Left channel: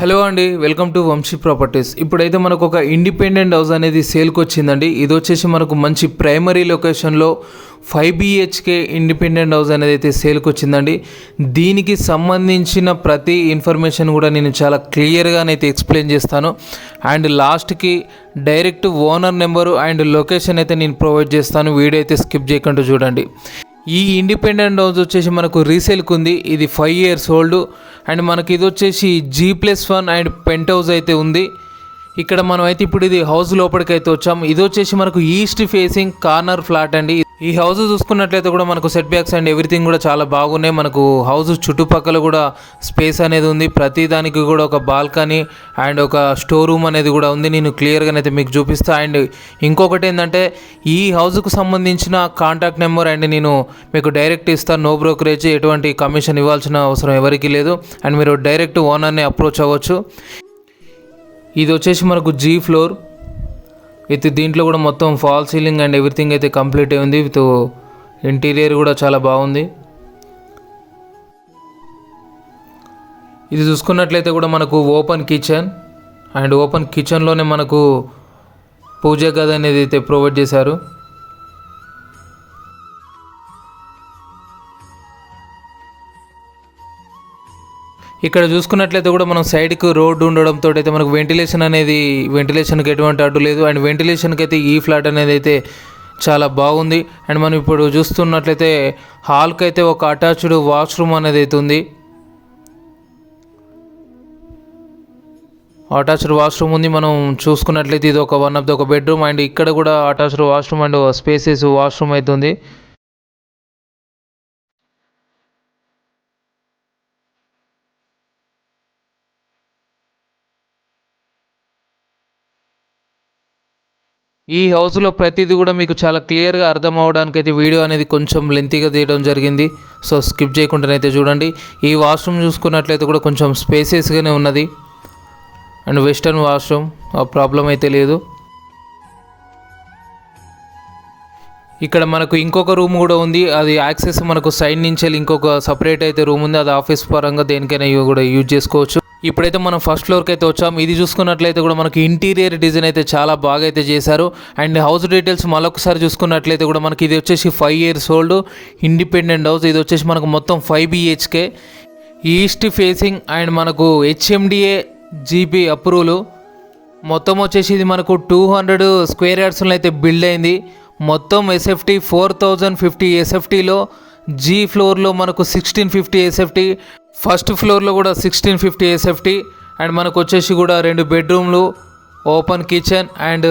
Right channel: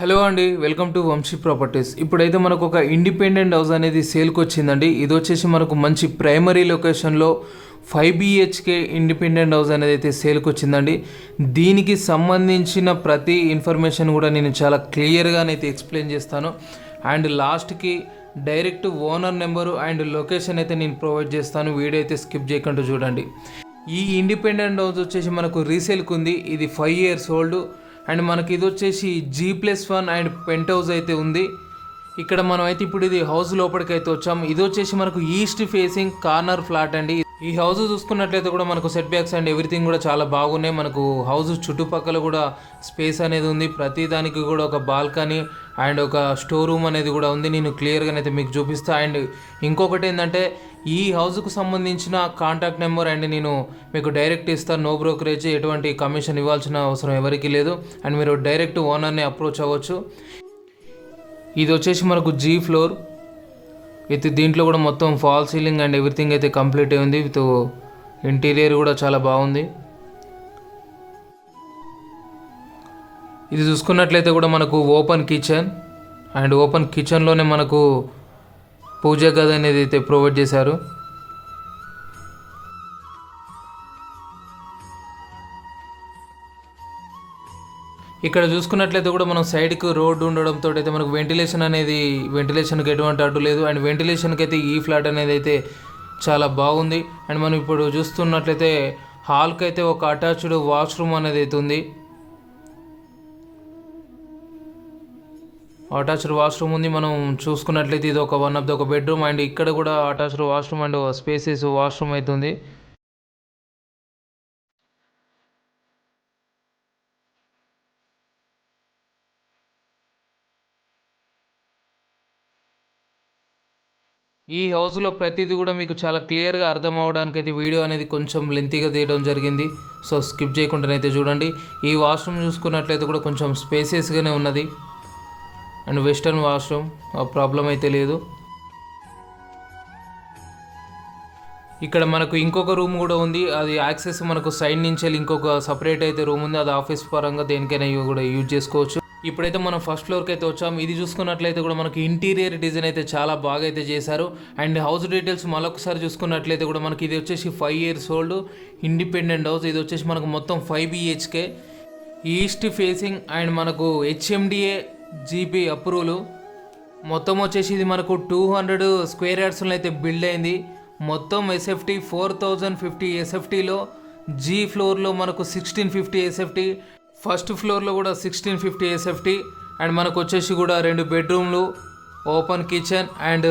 Hello అండి, welcome to Vamsi properties. ఇప్పుడైతే మనకు ఒక ఇండిపెండెంట్ హౌస్ అనేది సేల్కి వచ్చిందండి. ఇది వచ్చేసి మనకు మంచి ప్రైమరీ లొకేషన్లో 5 BHK ఇండిపెండెంట్ హౌస్ అనేది అయితే సేల్కి వచ్చిందండి. దీనికి సంబంధించిన ప్రతి ఇన్ఫర్మేషన్ కూడా నేను చాలా క్లియర్గానైతే ఎక్స్ప్లెయిన్ చేస్తాను. అండ్ లాస్ట్కి direct owner number and location అయితే నేను ప్రొవైడ్ చేస్తాను. వీడియో అయితే స్కిప్ చేయకుండా చూడండి. ఈ ఇండిపెండెంట్ హౌస్ వచ్చేసి మనకు రీసేల్కి ఉంది. ఇది 5 years ఓల్డ్ అండ్ మనకి ఇది వచ్చేసి G+1 అండ్ పెంట్ హౌస్ అయితే ఉంది. ఇక్కడ మనం అయితే ఇప్పుడు ఇది హౌస్ లోపలికి అయితే వచ్చాం. ఇది వచ్చేసి మనకు ఈస్ట్ ఫేసింగ్ కార్నర్ ఫ్లాట్ అండి. ఈ హౌస్ చూసుకున్నట్లయితే కూడా మనకు సెట్ బ్యాక్స్ అండ్ ఎవ్రీథింగ్ కూడా చాలా బాగున్నాయి. మనకు హౌస్ చుట్టుపక్కల కూడా స్పేస్ అనేది ఉంది. ప్రతి దానికి కూడా ఒక బాల్కనీ అండ్ ఒక స్టోర్ రూమ్ అనేది కూడా ఉంది. నేను క్లియర్గానైతే మీకు చూపిస్తా. అండ్ ఇంకొకటి ఏంటంటే ఈ హౌస్కు సంబంధించిన కాంటాక్ట్ నెంబర్ అండ్ నేను మీకు డైరెక్ట్ ఇస్తాను. నో బ్రోకరేజ్, ఎటువంటి కమిషన్ ఇవ్వాల్సిన అవసరం ఎవరికి లేదు. అండ్ మీరు డైరెక్ట్ ఓనర్ని అప్రోచ్ అవ్వచ్చు. ఇది వచ్చేసి మనకు G ఫ్లోర్ విత్ దీంట్లో కూడా మొత్తం ఫాల్ సీలింగ్ అండ్ ఎవ్రీథింగ్ అయితే కంప్లీట్ అయి ఉంది. విత్ ఇంటీరియర్ కూడా చాలా బాగుంది. ఇది చూసుకున్నట్లయితే కూడా మనకు ఓపెన్ కిచెన్ అండ్ ఓపెన్ కిచెన్లోనే మనకు పూజా గది అనేది అయితే ప్రొవైడ్ చేశారు. ఇక్కడ చూసుకున్నట్లయితే కూడా మనం సైడ్కి రోడ్డు ఉండడంతో అయితే మనకు వెంటిలేషన్కి ఎటువంటి అడ్డు లేదు. అండ్ వెంటిలేషన్కి అయితే ఈ ఫ్లాట్ అనేది అయితే చాలా బాగుంది. అండ్ మనం ఇప్పుడు చూస్తున్నట్లయితే హాల్కి అయితే ఒక అటాచ్డ్ వాష్రూమ్ అనేది అయితే ఉంది. అటాచ్డ్ వాష్రూమ్ ఉంది. మనం చూసుకున్నట్లయితే ఇది వన్ ఆఫ్ ది ఒక బెడ్రూమ్ అండ్ ఇక్కడ కూడా attached washroom and spaces washroom అవుతుంది. ఈ హౌస్లో ప్రతిదీ కూడా మీకు చాలా క్లియర్గా అర్థం అవడానికి అయితే వీడియో అనేది కొంచెం లెంతీగా తీయడం జరిగింది. సో స్కిప్ చేయకుండానైతే చూడండి. ఈ వాష్రూమ్ చూసుకున్నట్లయితే కూడా కొంచెం స్పేసెస్గానే ఉన్నది అండ్ వెస్టర్న్ వాష్రూమ్, ఆ ప్రాబ్లం అయితే లేదు. ఇక్కడ మనకు ఇంకొక రూమ్ కూడా ఉంది. అది యాక్సెస్ మనకు సైడ్ నుంచి వెళ్ళి ఇంకొక సపరేట్ అయితే రూమ్ ఉంది. అది ఆఫీస్ పరంగా దేనికైనా కూడా యూజ్ చేసుకోవచ్చు. ఇప్పుడైతే మనం ఫస్ట్ ఫ్లోర్కి అయితే వచ్చాం. ఇది చూసుకున్నట్లయితే కూడా మనకి ఇంటీరియర్ డిజైన్ అయితే చాలా బాగా అయితే చేశారు. అండ్ హౌస్ డీటెయిల్స్ మరొకసారి చూసుకున్నట్లయితే కూడా మనకి ఇది వచ్చేసి 5 years ఓల్డ్ ఇండిపెండెంట్ హౌస్. ఇది వచ్చేసి మనకు మొత్తం 5 BHK ఈస్ట్ ఫేసింగ్ అండ్ మనకు HMDA GB అప్రూవల్. మొత్తం వచ్చేసి ఇది మనకు 200 square yardsలో అయితే బిల్డ్ అయింది. మొత్తం SFT 4050 SFTలో G ఫ్లోర్లో మనకు 1650 SFT, ఫస్ట్ ఫ్లోర్లో కూడా 1650 SFT. అండ్ మనకు వచ్చేసి కూడా 2 బెడ్రూమ్లు, open kitchen and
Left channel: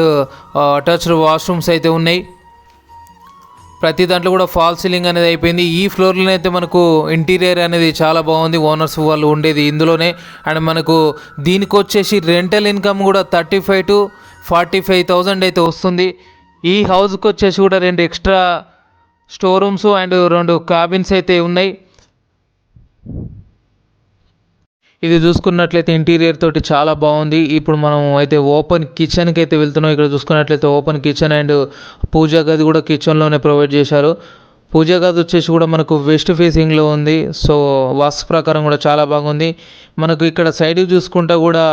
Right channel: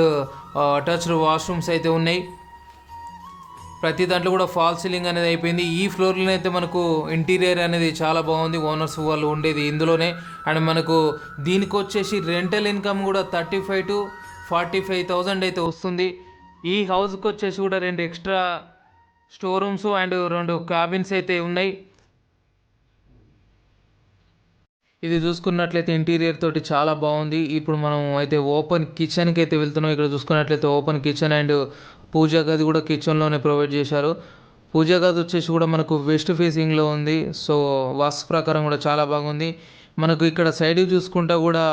attached washrooms అయితే ఉన్నాయి. ప్రతి దాంట్లో కూడా ఫాల్ సీలింగ్ అనేది అయిపోయింది. ఈ ఫ్లోర్లో అయితే మనకు ఇంటీరియర్ అనేది చాలా బాగుంది. ఓనర్స్ వాళ్ళు ఉండేది ఇందులోనే. అండ్ మనకు దీనికి వచ్చేసి రెంటల్ ఇన్కమ్ కూడా 35 to 45,000 అయితే వస్తుంది. ఈ హౌస్కి వచ్చేసి కూడా 2 extra store rooms and 2 cabins అయితే ఉన్నాయి. ఇది చూసుకున్నట్లయితే ఇంటీరియర్ తోటి చాలా బాగుంది. ఇప్పుడు మనం అయితే ఓపెన్ కిచెన్కి అయితే వెళ్తున్నాం. ఇక్కడ చూసుకున్నట్లయితే ఓపెన్ కిచెన్ అండ్ పూజా గది కూడా కిచెన్లోనే ప్రొవైడ్ చేశారు. పూజా గది వచ్చేసి కూడా మనకు వెస్ట్ ఫేసింగ్లో ఉంది. సో వాస్తు ప్రకారం కూడా చాలా బాగుంది. మనకు ఇక్కడ సైడ్ చూసుకుంటా కూడా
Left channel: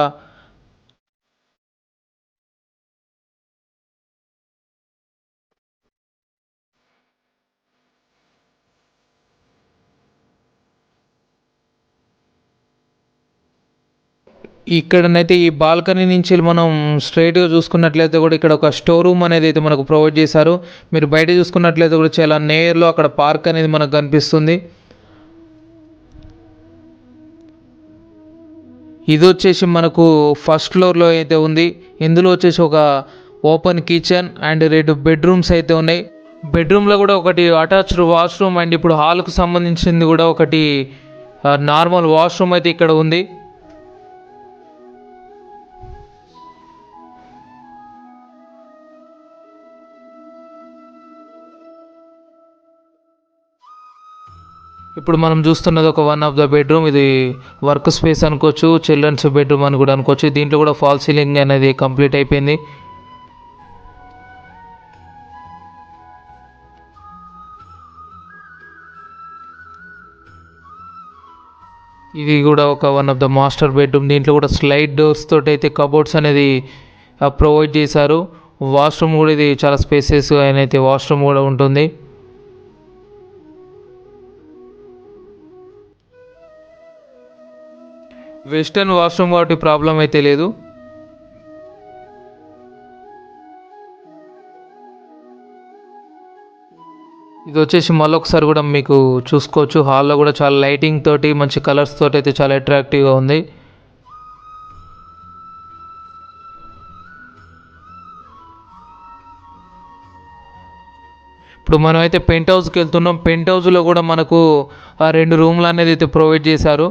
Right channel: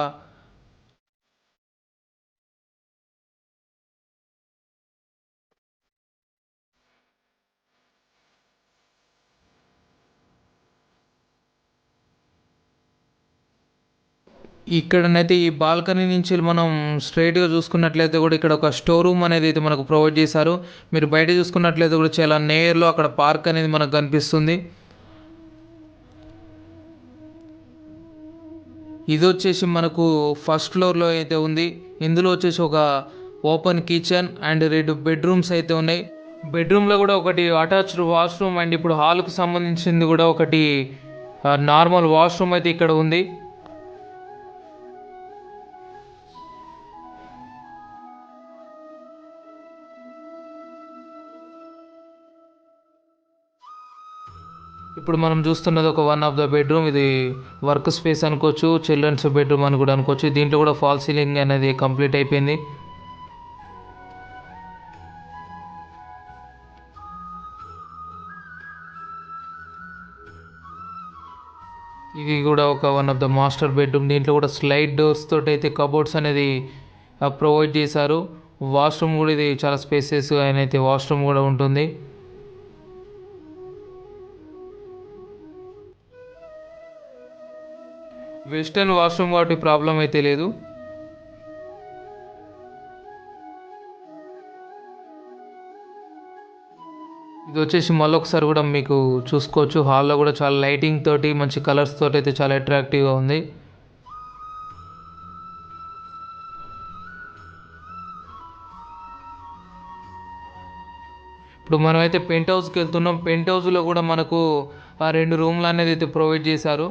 ఇక్కడనైతే ఈ బాల్కనీ నుంచి మనం స్ట్రైట్గా చూసుకున్నట్లయితే కూడా ఇక్కడ ఒక స్టోర్ రూమ్ అనేది అయితే మనకు ప్రొవైడ్ చేశారు. మీరు బయట చూసుకున్నట్లయితే కూడా చాలా నేర్లో అక్కడ పార్క్ అనేది మనకు కనిపిస్తుంది. ఇది వచ్చేసి మనకు ఫస్ట్ ఫ్లోర్లో అయితే ఉంది. ఇందులో వచ్చేసి ఒక ఓపెన్ కిచెన్ అండ్ 2 బెడ్రూమ్స్ అయితే ఉన్నాయి. బెడ్రూమ్లో కూడా ఒకటి అటాచ్డ్ వాష్రూమ్ అండ్ ఇప్పుడు హాల్కు సంబంధించింది కూడా ఒకటి నార్మల్ వాష్రూమ్ అయితే ఇక్కడ ఉంది. ఇప్పుడు మనం చూస్తున్నది వన్ ఆఫ్ ద బెడ్రూమ్. ఇది వర్క్ స్పేస్ అనుకోవచ్చు, చిల్డ్రన్స్ బెడ్రూమ్ అని కూడా అనుకోవచ్చు. దీంట్లో కూడా ఫాల్ సీలింగ్ అనేది కంప్లీట్ అయిపోయింది. ఇది కూడా ఒక one of the master bedroom. దీంట్లో కూడా స్లైడ్ డోర్స్ తోటి అయితే కబోర్డ్స్ అనేది ప్రొవైడ్ చేశారు. వాష్రూమ్ కూడా ఇది చాలా స్పేసెస్ అయితే వాష్రూమ్ కూడా ఉంటుంది. వెస్టర్న్ వాష్రూమ్ వాటి ప్రాబ్లం అయితే లేదు. ఇది వచ్చేసి మళ్ళొకసారి కూడా మీకు చూసుకోవచ్చు. హాల్లో కూడా చాలా లైటింగ్ తోటి మంచి కలర్స్ తోటి అయితే చాలా అట్రాక్టివ్గా ఉంది. ఇప్పుడు మనం అయితే పెంట్ హౌస్కి వెళ్తున్నాం. పెంట్ హౌస్లో కూడా మనకు ఆ 2 రూమ్లు అనేది అయితే ప్రొవైడ్ చేశారు.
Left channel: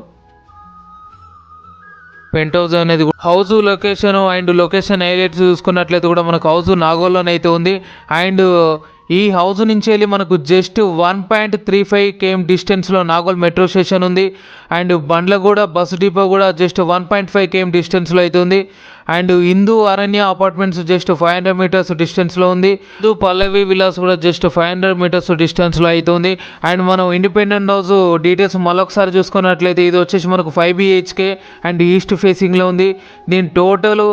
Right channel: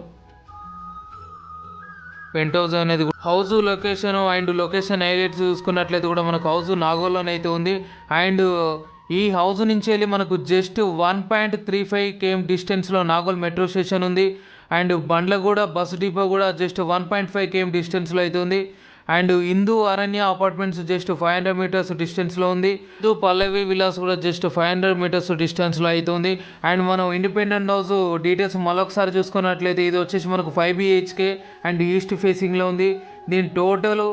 పెంట్ హౌస్ అనేది హౌస్ లొకేషన్ హైలైట్స్ చూసుకున్నట్లయితే కూడా మనకు హౌస్ నాగోల్లోనే అయితే ఉంది. అండ్ ఈ హౌస్ నుంచి వెళ్ళి మనకు జస్ట్ 1.35 km డిస్టెన్స్లో నాగోల్ మెట్రో స్టేషన్ ఉంది. అండ్ బండ్ల కూడా బస్సు డిపో కూడా జస్ట్ 1.5 km డిస్టెన్స్లో అయితే ఉంది. అండ్ హిందూ అరణ్య అపార్ట్మెంట్స్ జస్ట్ 500 మీటర్స్ డిస్టెన్స్లో ఉంది. హిందూ పల్లవి విలాస్ కూడా జస్ట్ 500 మీటర్స్ డిస్టెన్స్లో అయితే ఉంది. అండ్ మనం ఇండిపెండెంట్ హౌస్ డీటెయిల్స్ మరొకసారి చూసుకున్నట్లయితే ఇది వచ్చేసి మనకు 5 BHK అండ్ ఈస్ట్ ఫేసింగ్లో ఉంది. దీని టోటల్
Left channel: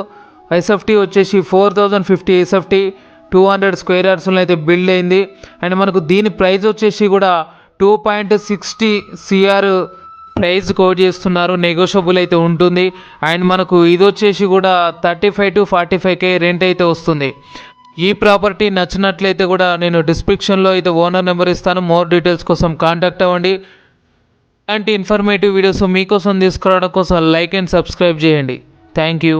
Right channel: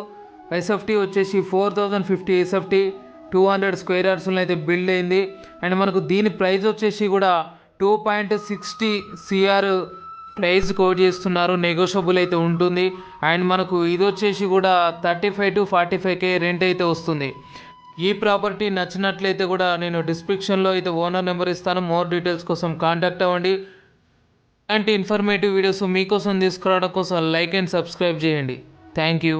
ఎస్ఎఫ్టీ వచ్చేసి 4050 ఎస్ఎఫ్టీ 200 స్క్వేర్ యార్డ్స్లో అయితే బిల్డ్ అయింది. అండ్ మనకు దీని ప్రైస్ వచ్చేసి కూడా 2.60 CR ప్రైస్ కోట్ చేస్తున్నారు. నెగోషియబుల్ అయితే ఉంటుంది. అండ్ మనకు ఇది వచ్చేసి కూడా 35 to 45K రెంట్ అయితే వస్తుంది. ఈ ప్రాపర్టీ నచ్చినట్లయితే కూడా నేను డిస్క్రిప్షన్లో అయితే ఓనర్ నెంబర్ ఇస్తాను. మోర్ డీటెయిల్స్ కోసం కాంటాక్ట్ అవ్వండి. అలాంటి ఇన్ఫర్మేటివ్ వీడియోస్ మీకోసం తీసుకురావడం కోసం లైక్ అండ్ సబ్స్క్రైబ్ చేయండి. Thank you.